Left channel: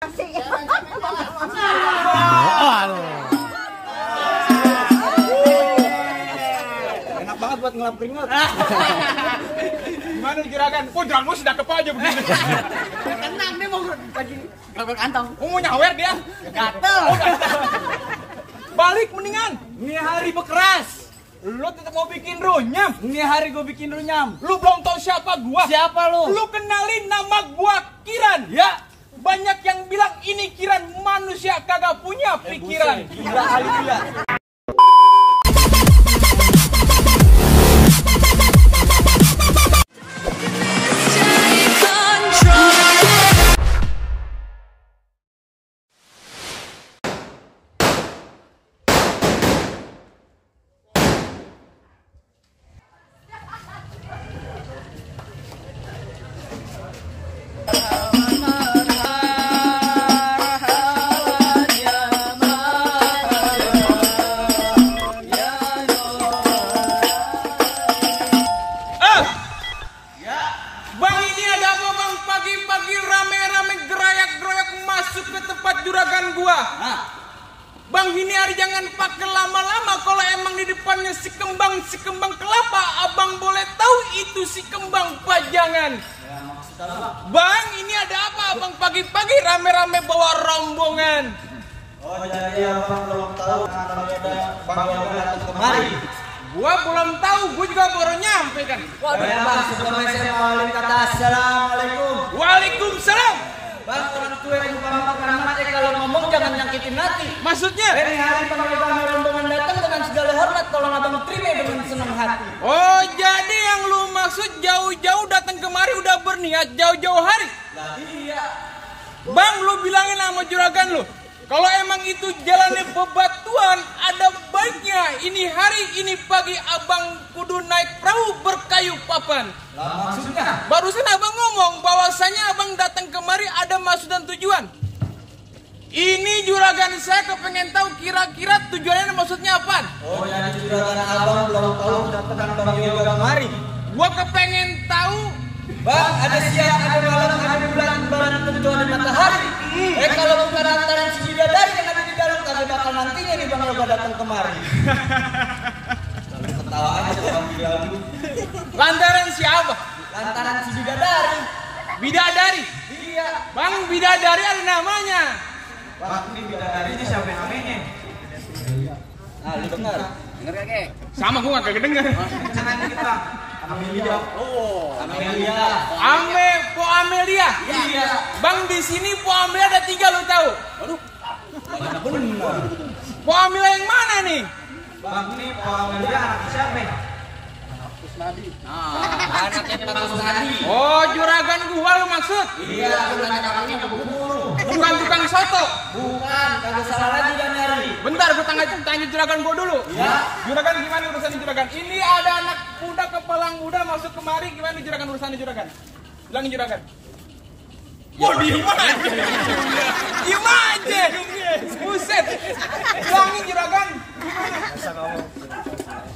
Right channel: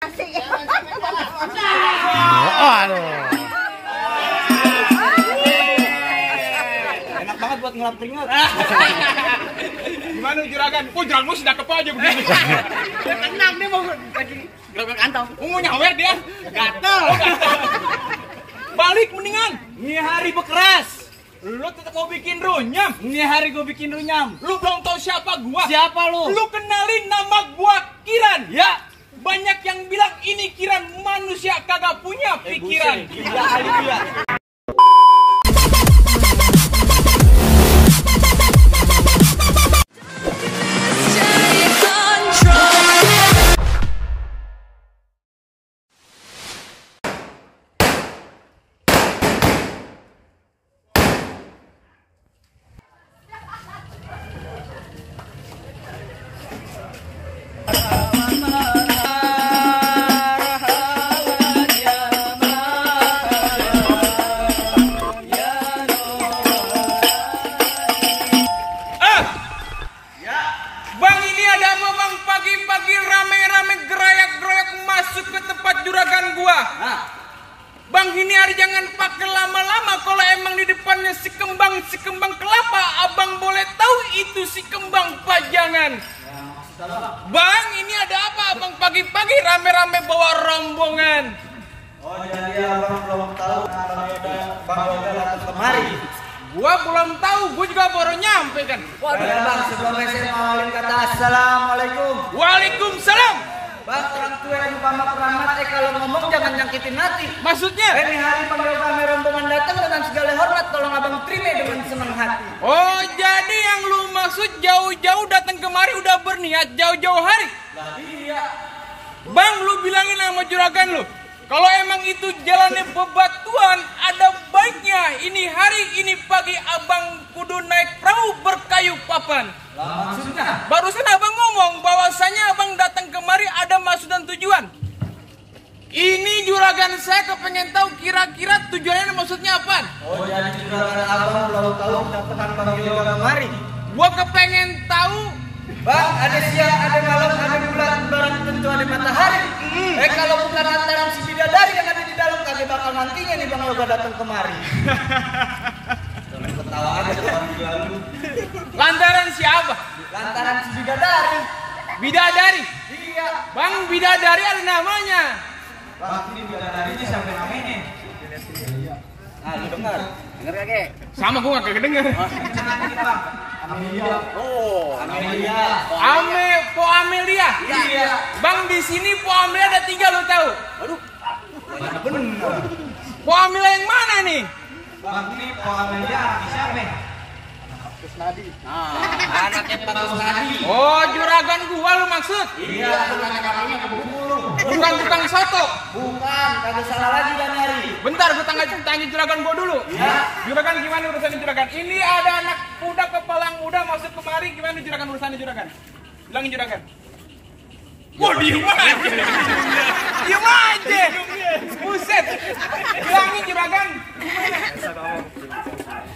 Aduh. Enak banget buat ngelap keringat. Gimana juragan? Oh, juragan sudah kepo aja begini. Tenang, dia mau lagi gerobak kantong. Mau nyawer dia? Gatel. Balik mendingan. Ini hari bekeras. Lu tetap mau bikin runyam. Ini hari gue bikin runyam. Lu belum tahu siapa gua. Siapa lu? Lu kenalin nama gua Kiran. Ya. Banyak yang bilang ini Kiran manusia kagak punya pikiran. Gila kali dia. Bang, ini ada apa bang? Pagi-pagi rame-rame gerayak-geroyak masuk ke tempat juragan gua. Bang, ini hari jangan pakai lama-lama. Kalau emang di depannya si kembang kelapa, abang boleh tahu itu si kembang pajangan. Bang, ini ada apa abang pagi-pagi rame-rame bawa rombongan? Oh, jadi abang belum tahu kalau ada Bang Yoga datang kemari. Gua belum tahu, gua juga baru nyampe kan. Waduh, bang, sebelumnya saya mau kata assalamualaikum. Waalaikumsalam. Bang, orang tua yang umpama keramat, kalau ngomong jangan nyakitin hati. Maksudnya? Ini hari Bang Yoga rombongan datang dengan segala hormat, tolong abang terima dengan senang hati. Oh, jadi yang lu maksud jauh-jauh datang kemari udah berniat jauh-jauh hari? Iya. Bang, lu bilangin sama juragan lu, kalau emang itu jalannya bebatuan, ada baiknya ini hari ini pagi abang kudu naik perahu berkayu papan. Lah, maksudnya? Barusan abang ngomong bahwasanya abang datang kemari ada maksud dan tujuan. Ini juragan saya kepengen tahu kira-kira tujuannya maksudnya apa? Oh, jadi juragan abang belum tahu kedatangan Bang Yoga kemari. Gua kepengen tahu. Bang, ada siang, ada malam, ada bulan, barat, tentu ada matahari. Kalau bukan lantaran si bidadari yang ada di dalam, kagak bakal nantinya nih Bang Yoga datang kemari. Ketawa aja lalu. Lantaran siapa? Lantaran si bidadari. Bidadari. Iya. Bang, bidadari ada namanya. Bang, ini bidadari ini siapa namanya? Nah, lu dengar. Dengar kagak? Sama gua gak kedenger. Amelia. Oh, Amelia. Po Amelia. Iya. Bang, di sini Po Amelia ada 3 lo tahu. Aduh. Benar. Po Amelia yang mana nih? Bang, ini Po Amelia anak siapa? Anaknya Pak Kusnadi. Oh, juragan gua lu maksud? Iya, bukan kakinya kebulu. Bukan tukang soto. Bukan, kagak salah lagi dan nyari. Bentar, gua tanya juragan gua dulu. Iya. Juragan gimana urusan juragan? Ini ada anak muda kepala muda masuk kemari, gimana juragan urusannya juragan? Bilangin juragan. Wah, diem aja. Diem aja. Buset. Bilangin juragan.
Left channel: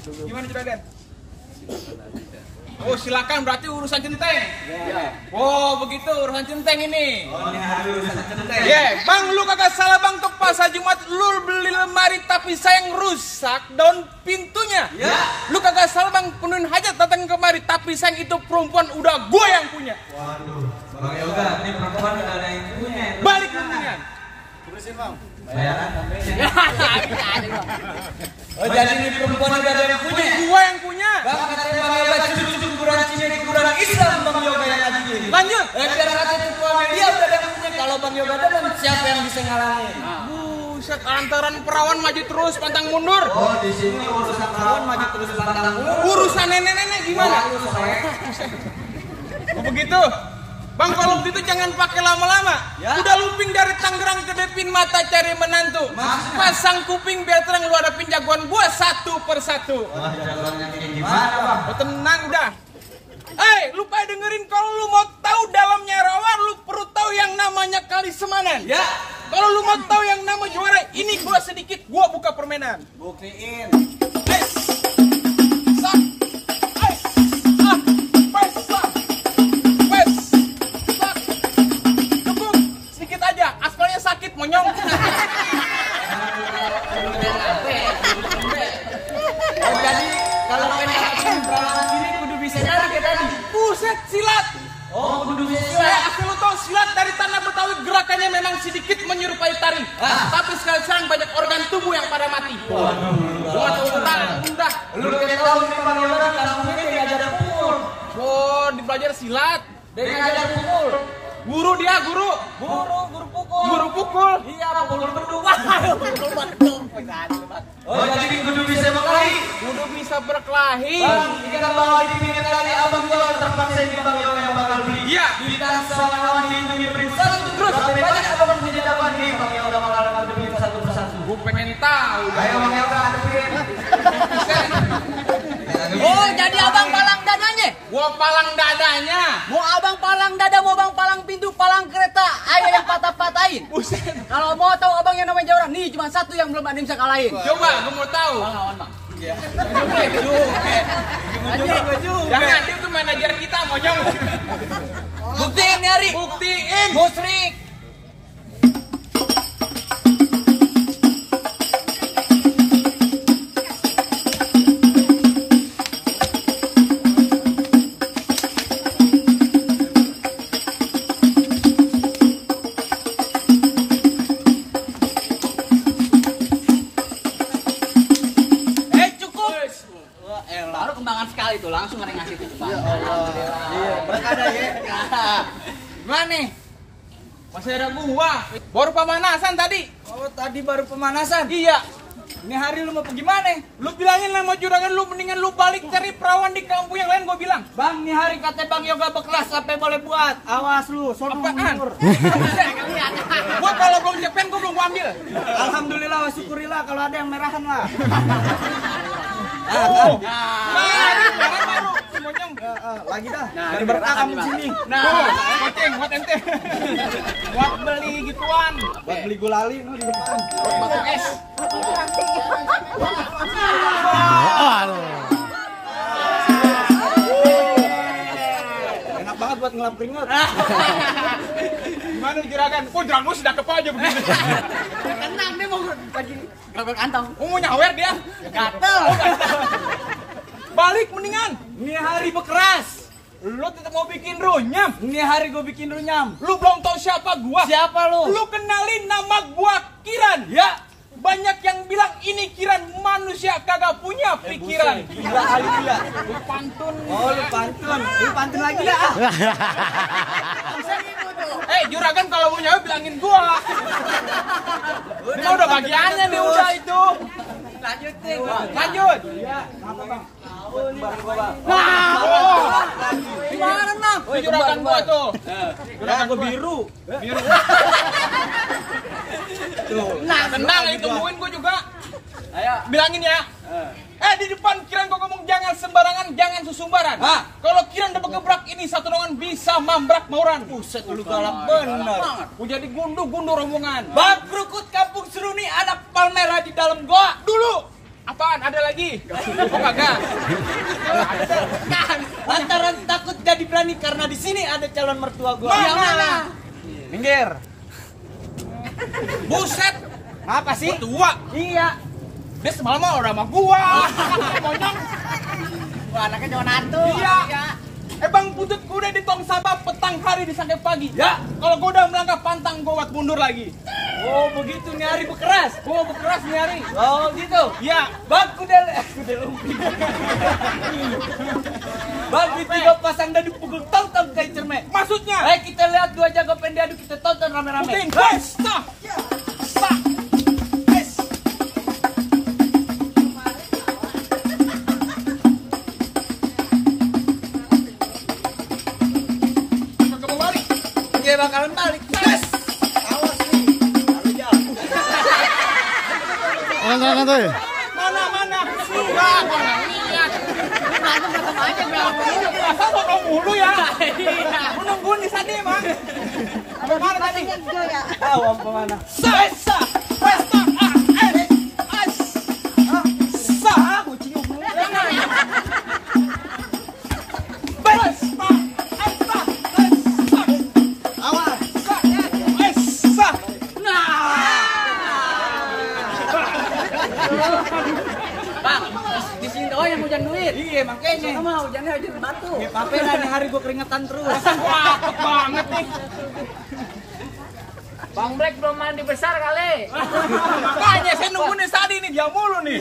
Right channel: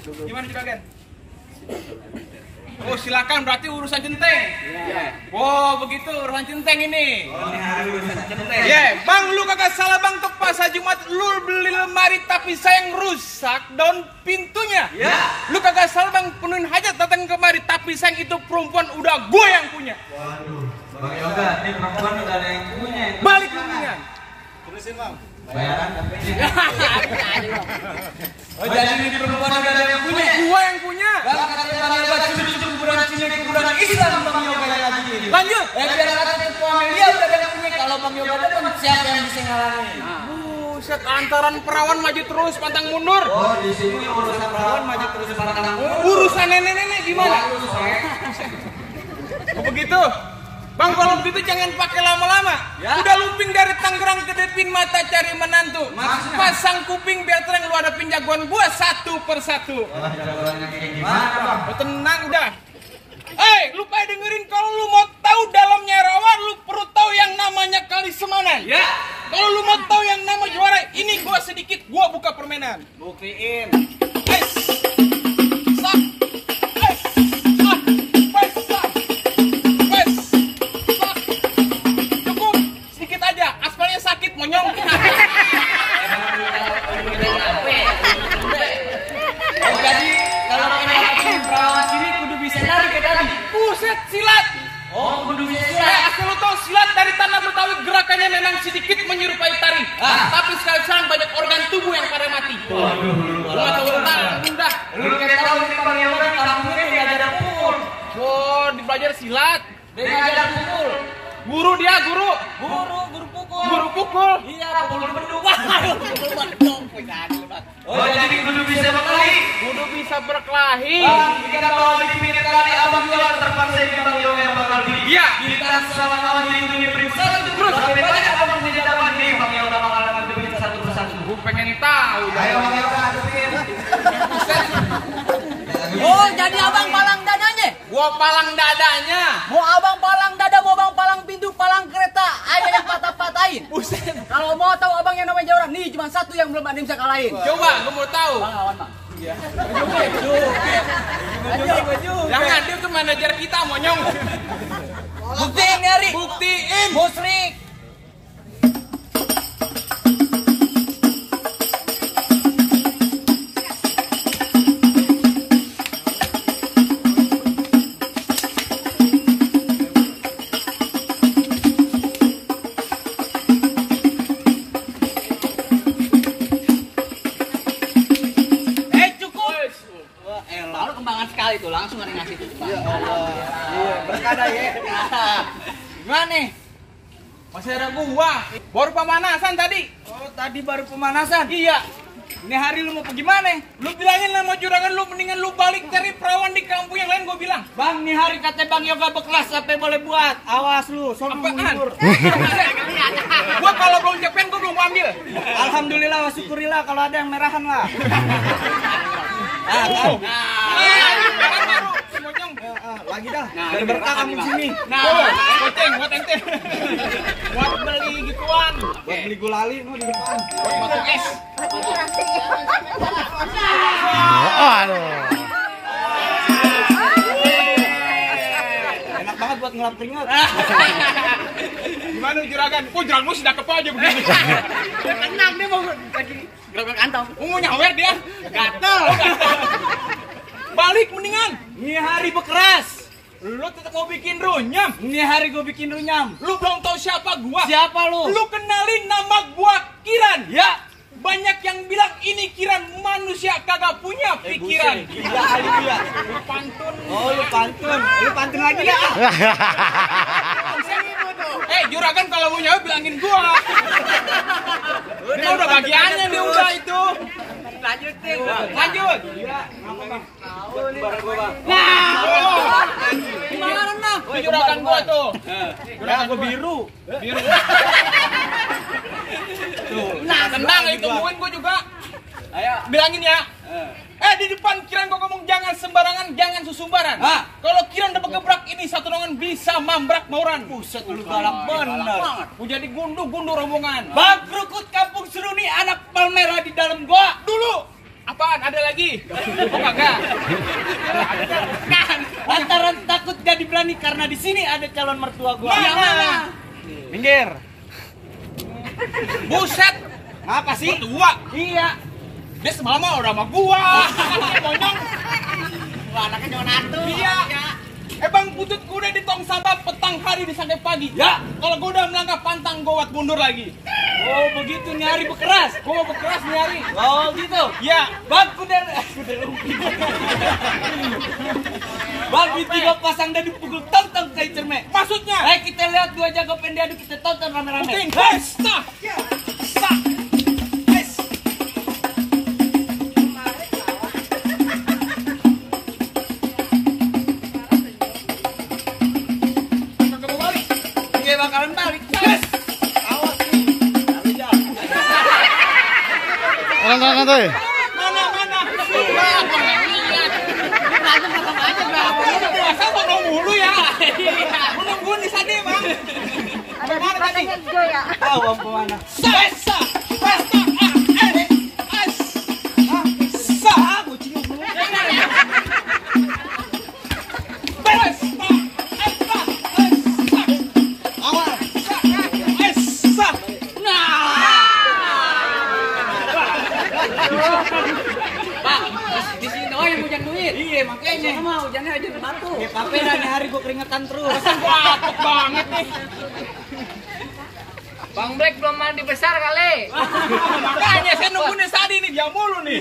Gimana juragan? Oh, silakan, berarti urusan centeng. Iya. Oh, begitu urusan centeng ini. Oh, ini hari urusan centeng. Ya, bang, lu kagak salah bang, untuk pas Jumat lu beli lemari tapi sayang rusak daun pintunya. Ya. Lu kagak salah bang, penuhin hajat datang kemari tapi sayang itu perempuan udah gue yang punya. Waduh, Bang Yoga, ini perempuan udah ada yang punya. Balik mendingan. Tulisin bang. Bayaran sampai ini. Oh, jadi ini perempuan udah ada yang punya. Gue yang punya. Bang, katanya Bang Yoga cucu kuburan Cina kuburan Islam Bang Yoga yang lagi ini. Lanjut. Biar kata itu Amelia udah ada yang punya. Kalau Bang Yoga ada pun siapa yang bisa ngalangin? Buset, antaran perawan maju terus pantang mundur. Oh, di sini urusan perawan maju terus pantang mundur. Urusan nenek-nenek gimana? Begitu. Bang, kalau begitu jangan pakai lama-lama. Ya. Udah looping dari Tangerang ke Depin mata cari menantu. Maksudnya? Pasang kuping biar terang lu hadapin jagoan gua satu persatu. Jagoannya kayak gimana bang? Oh, tenang udah. Lupa dengerin, kalau lu mau tahu dalamnya rawa, lu perlu tahu yang namanya Kali Semanan. Ya. Kalau lu mau tahu yang nama juara, ini gua sedikit, gua buka permainan. Buktiin. Cukup sedikit aja, aspal sakit monyong. Oh, jadi kalau pengen perawan sini kudu bisa nari kayak tadi. Buset, silat. Oh, kudu bisa silat. Asal lu tahu silat dari tanah Betawi gerakannya memang sedikit menyerupai tari. Tapi sekarang banyak organ tubuh yang pada mati. Gua tahu udah. Lu kayak tahu di Panggilnya kampungnya dia ngajar pukul. Oh, dipelajari silat. Dia ngajar pukul. Guru dia, guru. Guru pukul. Guru pukul. Iya, pukul beduk. Pukul beduk. Oh, jadi kudu bisa berkelahi. Kudu bisa berkelahi. Bang, kita bawa di pinggir kali abang gua terpaksa di Panggil yang bakal di. Iya. Kita sama kawan di periksa terus. Tapi banyak abang punya jawaban di Panggil bakal diperiksa satu persatu. Gua pengen tahu. Ayo Panggil hadapin. Oh, jadi abang palang dadanya? Gua palang dadanya. Mau abang palang dada, mau abang palang pintu, palang kereta, ayo yang patah-patahin. Buset. Kalau mau tahu abang yang namanya Jawa, nih cuma satu yang belum ada yang bisa kalahin. Coba, gua mau tahu. Bang lawan bang. Iya. Jangan, dia tuh manajer kita, monyong. buktiin nih Ari. Buktiin. Musrik. Baru kembangan sekali tuh, langsung ada yang ngasih tuh. Ya Allah. Iya, berkada ya. Gimana nih? Masih ada gua. Baru pemanasan tadi. Oh, tadi baru pemanasan. Iya. Ini hari lu mau pergi mana? Lu bilangin nama juragan lu, mendingan lu balik cari perawan di kampung yang lain, gua bilang. Bang, nih hari kata Bang Yoga bekeras sampai boleh buat. Awas lu, sono Apaan? mundur. Gua kalau belum cepen gua belum ambil. Alhamdulillah, wa syukurillah kalau ada yang merahan lah. Oh. Baru, Monyong. lagi dah. Nah, Ada ini berkah merahan kamu nih, Bang. sini. Nah, goceng buat ente. Buat beli gituan. Buat beli gulali no di depan. Batu es. Enak banget buat ngelap keringat. Gimana juragan? Oh, juragan lu sudah kepa aja begini. Tenang, dia mau lagi gerak kantong. Mau nyawer dia. Gatel. Balik mendingan. Ini hari bekeras. Lu tetap mau bikin runyam. Ini hari gue bikin runyam. Lu belum tahu siapa gua. Siapa lu? Lu kenalin nama gua Kiran. Ya. Banyak yang bilang ini Kiran manusia kagak punya pikiran. Gila kali dia. Lu pantun. Oh, lu pantun. Lu pantun lagi dah. Juragan kalau mau nyawa bilangin gua. Dia udah bagiannya dia udah itu. Lanjutin. Lanjut. Iya, apa Bang? Barang gua, Bang. Nah, oh. Gimana nah? Itu juragan gua tuh. Ya, gua biru. Tuh. Nah, tendang itu tungguin gua juga. Ayo. Bilangin ya. Di depan Kiran kok ngomong jangan sembarangan, jangan susumbaran. Hah? Kalau Kiran udah gebrak ini satu dongan bisa mambrak mauran. Buset, lu galak bener. Mau jadi gundu-gundu rombongan. Bang Krukut Kampung Seruni anak palmera di dalam gua. Dulu. Apaan? Ada lagi? Oh kagak. Kan, lantaran takut jadi berani karena di sini ada calon mertua gua. Mana? Minggir. Buset. Apa sih? Tua. Iya. Dia semalam udah sama gua. Monyong. Wah, anaknya cuma nantu. Iya. Bang Putut kuda di tong sampah petang hari di sampai pagi. Ya. Kalau gua udah melangkah pantang gua buat mundur lagi. Oh, begitu nih hari bekeras. Gua mau bekeras nih hari. Oh, gitu. Ya. Bang kuda lumping. Bang di tiga pasang dan dipukul tong-tong kayak cermek. Maksudnya? Kita lihat dua jago pendiadu kita tonton rame-rame. Puting. Hes. Sah. Sah. Hes. Kagak mau balik. Dia bakalan balik. Hes. Awas nih. Lalu jauh. Orang tuh. Mana? Nah, gua nggak lihat. Nanti belakang aja berapa? Masa gua nunggu mulu ya? Gua nungguin di sana, Bang. Ada di padanya juga ya. Tahu apa mana? Pesta. Pesta. Sah, kucing lu. Awas. Awas. Pesta. Nah, Bang, di sini doang yang hujan duit. Iya, makanya. Sama hujannya hujan batu. Ya, pape dah nih hari gua keringetan terus. Wah, cepet banget nih. Bang Black belum mandi besar kali. Makanya saya nungguin tadi nih, dia mulu nih.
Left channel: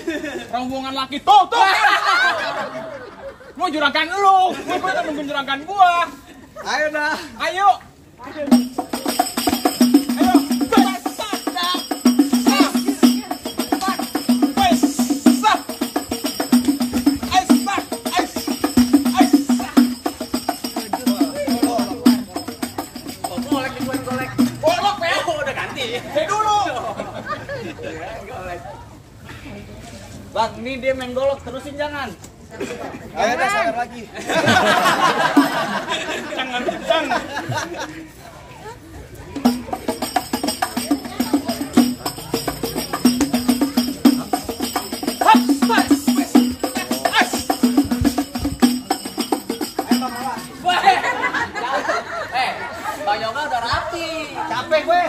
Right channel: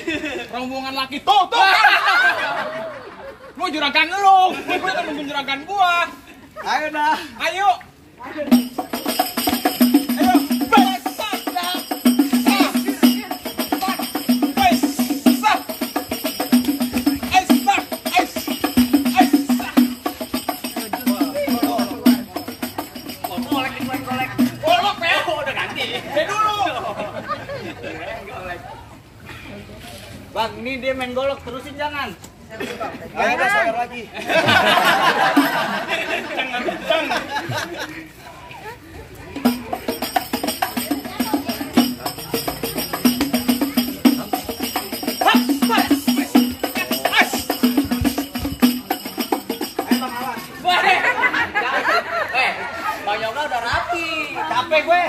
Rombongan laki tuh. Mau juragan lu, gue kan nungguin juragan gua. Ayo dah. Ayo. Bang, ini dia main golok, terusin jangan. Ayo dah sawer lagi. Jangan. Bang Yoga udah rapi. Capek gue.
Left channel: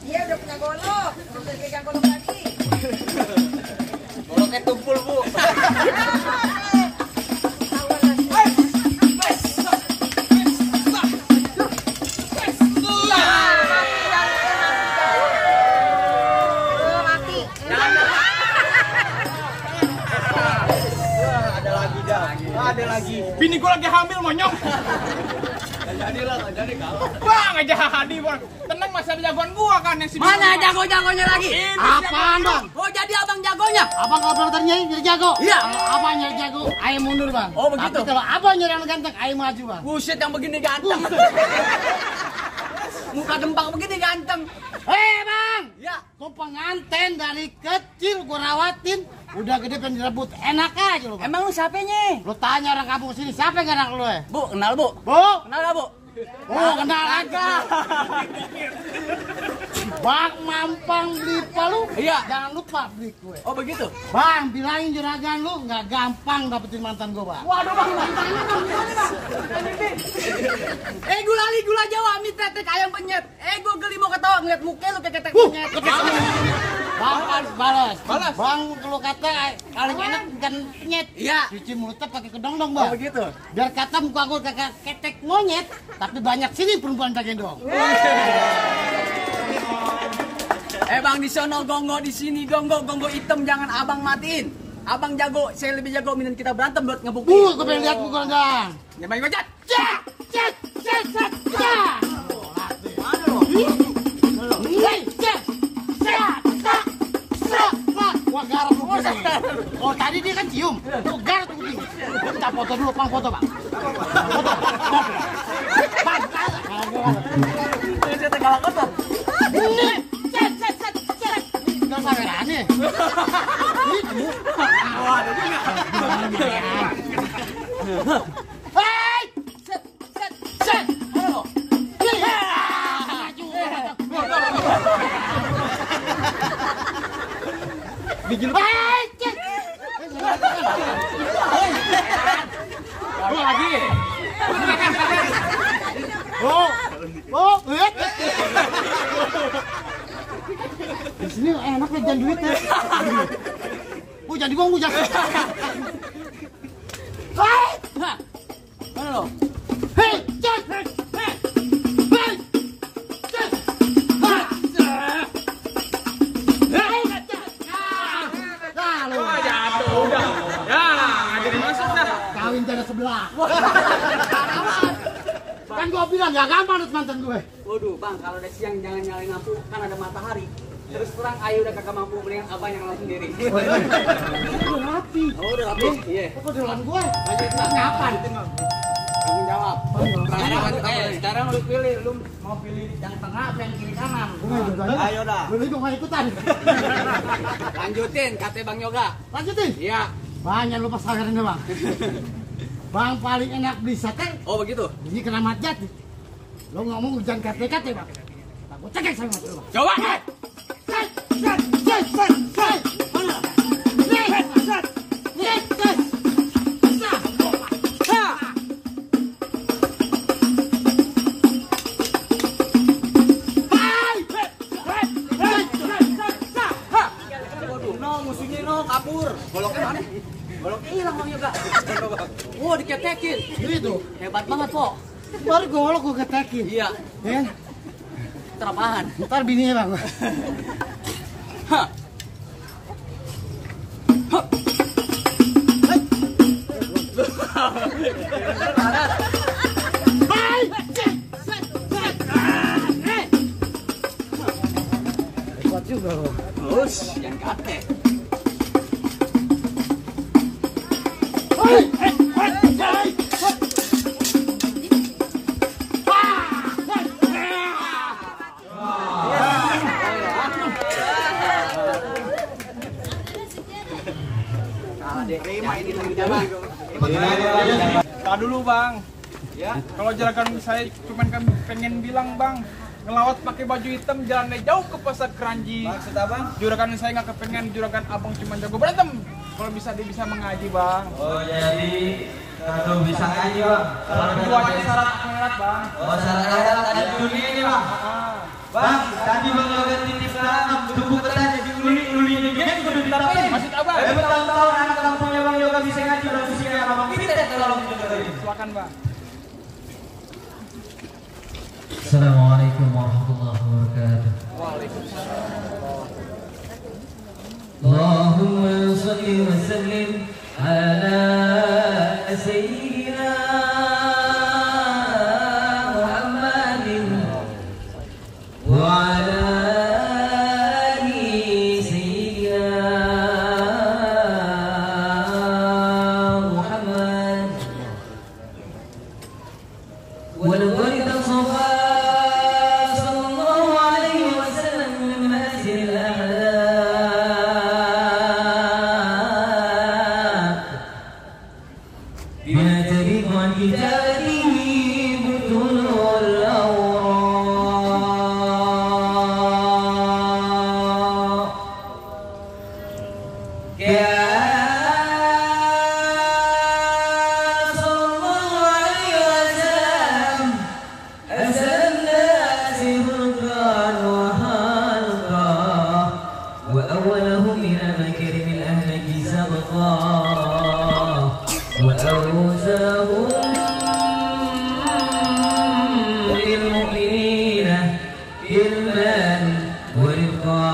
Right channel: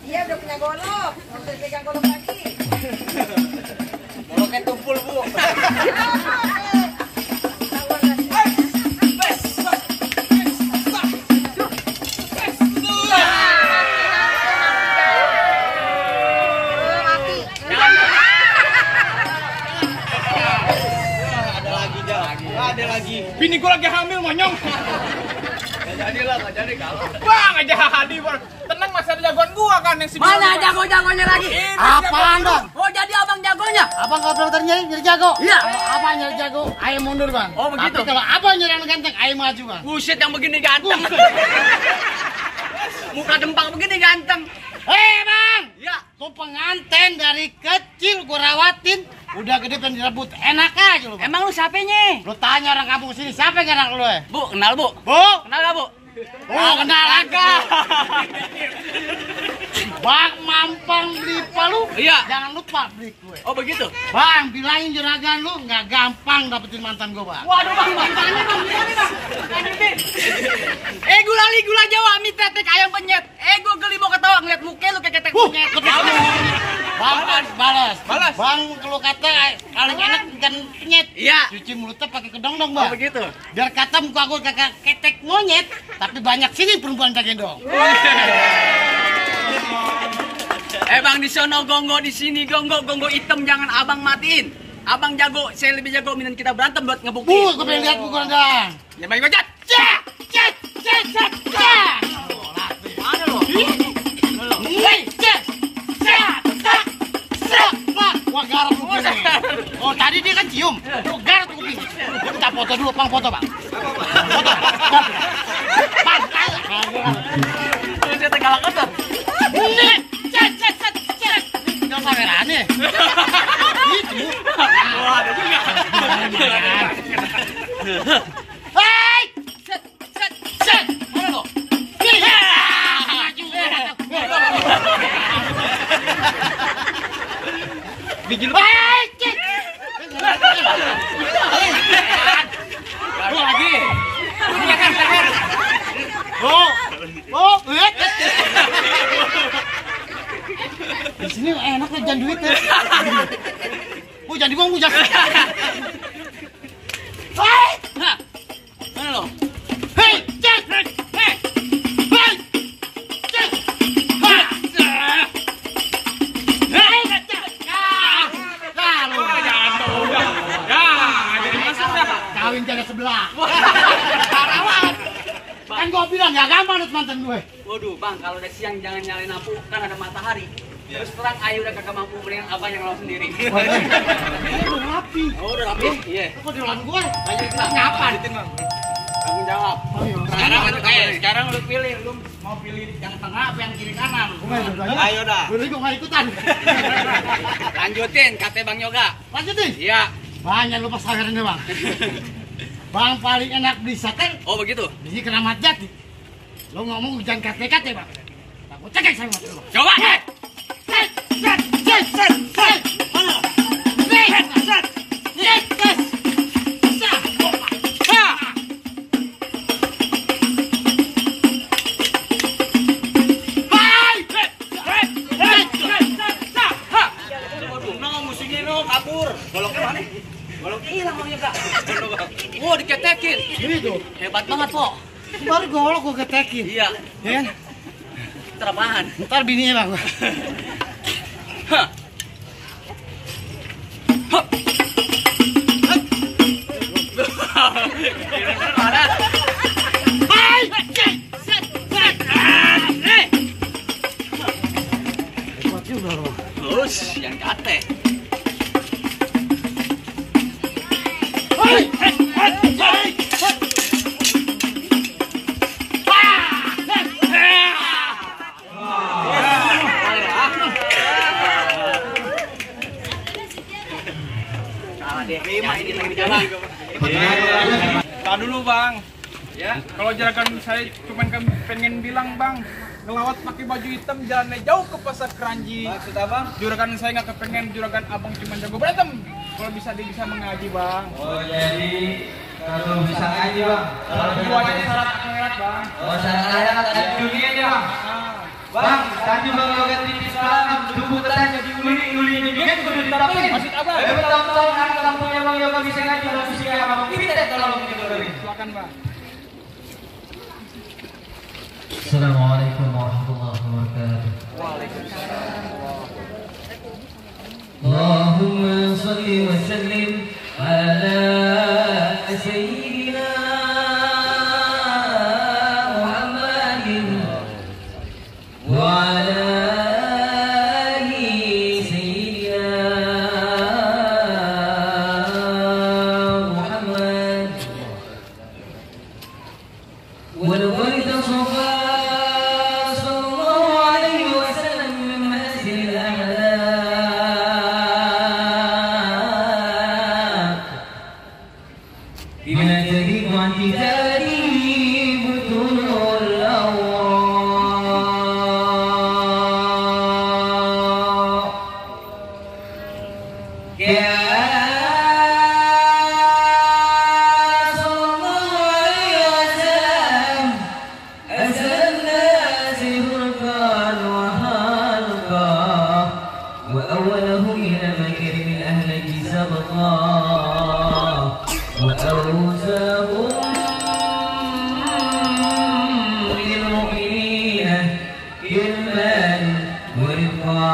Dia udah punya golok. Nggak usah pegang golok lagi. Goloknya tumpul, Bu. Ada lagi. Bini gua lagi hamil, monyong. Nggak jadi kalau. Wah, nggak jadi. Tenang, masih ada jagoan gua kan yang si Mana jago-jagonya lagi? Ini Apaan dong? Oh, jadi abang jagonya? Abang kalau dokternya nyari jago. Iya. Abang nyari jago, ayo mundur bang. Oh, begitu. Tapi kalau abang nyari yang ganteng, ayo maju bang. Buset, yang begini ganteng. Muka dempang begini ganteng. Hei bang, Ya. tuh pengantin dari kecil gua rawatin, udah gede pengen direbut, enak aja lu bang. Emang lu siapanya? Lu tanya orang kampung sini, siapa yang enak lu ya? Bu, kenal Bu? Bu, Kenal gak Bu? oh kenal agak. Bang mampang beli palu, Iya. jangan lupa beli kue. Oh begitu? Bang, bilangin juragan lu nggak gampang dapetin mantan gua bang. Waduh bang, mantannya bang, gimana bang? Gula Jawa, mie tetek ayam penyet. Gua geli mau ketawa ngeliat muka lu kayak ketek penyet. Bang balas. Balas. Bang kalau kata paling enak ikan penyet. Iya. Cuci mulutnya pakai kedong dong Oh bang. begitu? Biar kata muka gue kakak ketek monyet, tapi banyak sini perempuan pakai dong. Bang di sono gongo, di sini gongo hitam jangan abang matiin. Abang jago, saya lebih jago minum kita berantem buat ngebuktiin. Gue pengen lihat pukulan dong. Ya bang bajat. Mana lo? Wah garap kuping. Oh tadi dia kan cium, tuh garap kuping. Kita foto dulu, bang foto bang. Foto. Bang, Saya tegalak kotor. ini, cet. Jangan sawerannya. Itu. Oh ada juga. Lumayan. Hei, cet. Mana lo? Bikin baik. Gua lagi. Lihat. Di sini enak jajan duit ya. Jadi gua jangan. Hei, Mana lo? hei, cet. Kawin jaga sebelah. Parawan. Kan gua bilang gak gampang dapet mantan gue. Waduh bang, kalau udah siang jangan nyalain lampu, kan ada matahari. Terus terang ayo udah kagak mampu, mendingan abang yang lawan sendiri. Udah rapi. Oh udah rapi? Iya. Kok di ulang gue? Ayo ngapa? Tanggung jawab. Sekarang lu pilih, lu Mau pilih yang tengah apa yang kiri kanan? Ayo dah. Boleh gue gak ikutan. lanjutin kata Bang Yoga. Lanjutin. Iya. Banyak lupa saweran deh bang. Bang paling enak beli sate. Oh begitu. Di Keramat Jati. Lo ngomong hujan kate-kate bang. Aku cekek sama lo. Coba. Mana? abangnya kak. Wow, diketekin. Hebat banget kok. Baru golok gue ketekin. Iya. Ya kan? Terapaan. Ntar bininya bang. Hah. Terus yang kate. Terima ini lagi jalan. Tak dulu bang. Ya. Kalau juragan saya cuman pengen bilang bang, ngelawat pakai baju hitam jalannya jauh ke pasar Keranji. Maksud abang? Juragan saya nggak kepengen juragan abang cuma jago berantem. Kalau bisa dia bisa mengaji bang. Oh jadi kalau bisa aja bang. Kalau keduanya syarat akhirat bang. Oh syarat ada dunianya bang. Bang, tadi bang Yoga titip salam, tunggu petanya di uli juga kudu diterapin. Maksud abang? Bertahun-tahun anak kampungnya bang Yoga bisa ngaji dan usia abang kita kalau bang dengerin. Silakan bang. Assalamualaikum warahmatullahi wabarakatuh. Allahumma salli wa sallim ala sayyidina Muhammadin wa ala ali sayyidina Muhammad wa laqad tasawwa بما تريد عن كتابه بطون الأوراق كان صلى الله عليه وسلم أسأل الناس فرقان وحلقا وأولهم إلى مكرم الأهل سبقا وأوزاهم للمؤمنين علما ورفقا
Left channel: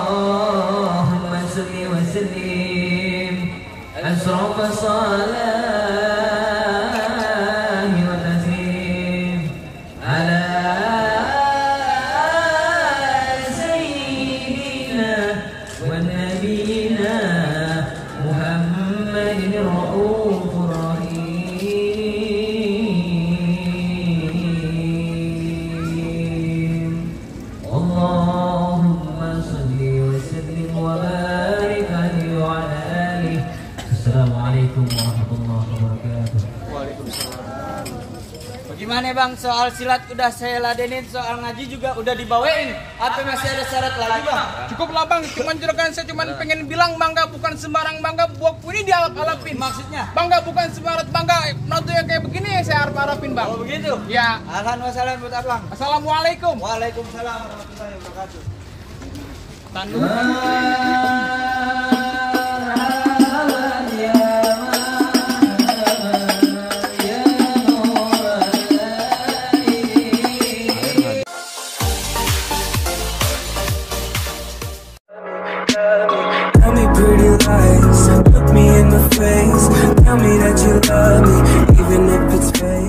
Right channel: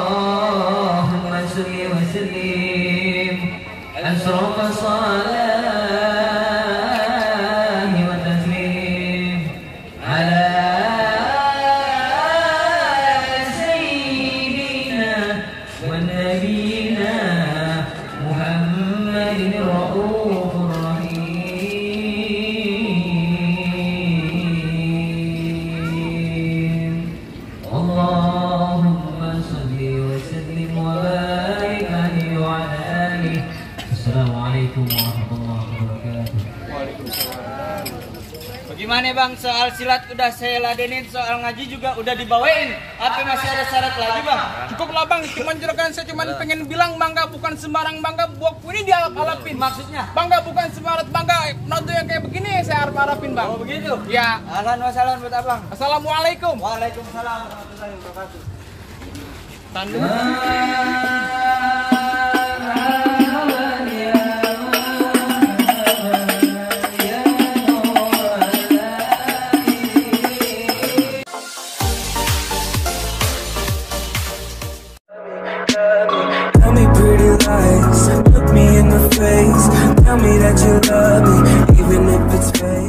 اللهم صل وسلم أشرف الصلاة والتسليم على سيدنا ونبينا محمد الرؤوف الرحيم اللهم صل وسلم وبارك عليه وعلى آله. السلام عليكم ورحمة الله وبركاته. Bagaimana bang soal silat udah saya ladenin, soal ngaji juga udah dibawain. Apa masih ada syarat lagi bang? Cukup lah bang, cuman juragan saya cuman pengen bilang bangga bukan sembarang bangga buat ini dialap-alapin. Maksudnya? Bangga bukan sembarang bangga, noto yang kayak begini saya harap-harapin bang. Oh begitu? Ya. Ahlan wa sahlan buat abang. Assalamualaikum. Waalaikumsalam warahmatullahi wabarakatuh. Tell me pretty lies, look me in the face. Tell me that you love me, even if it's fake.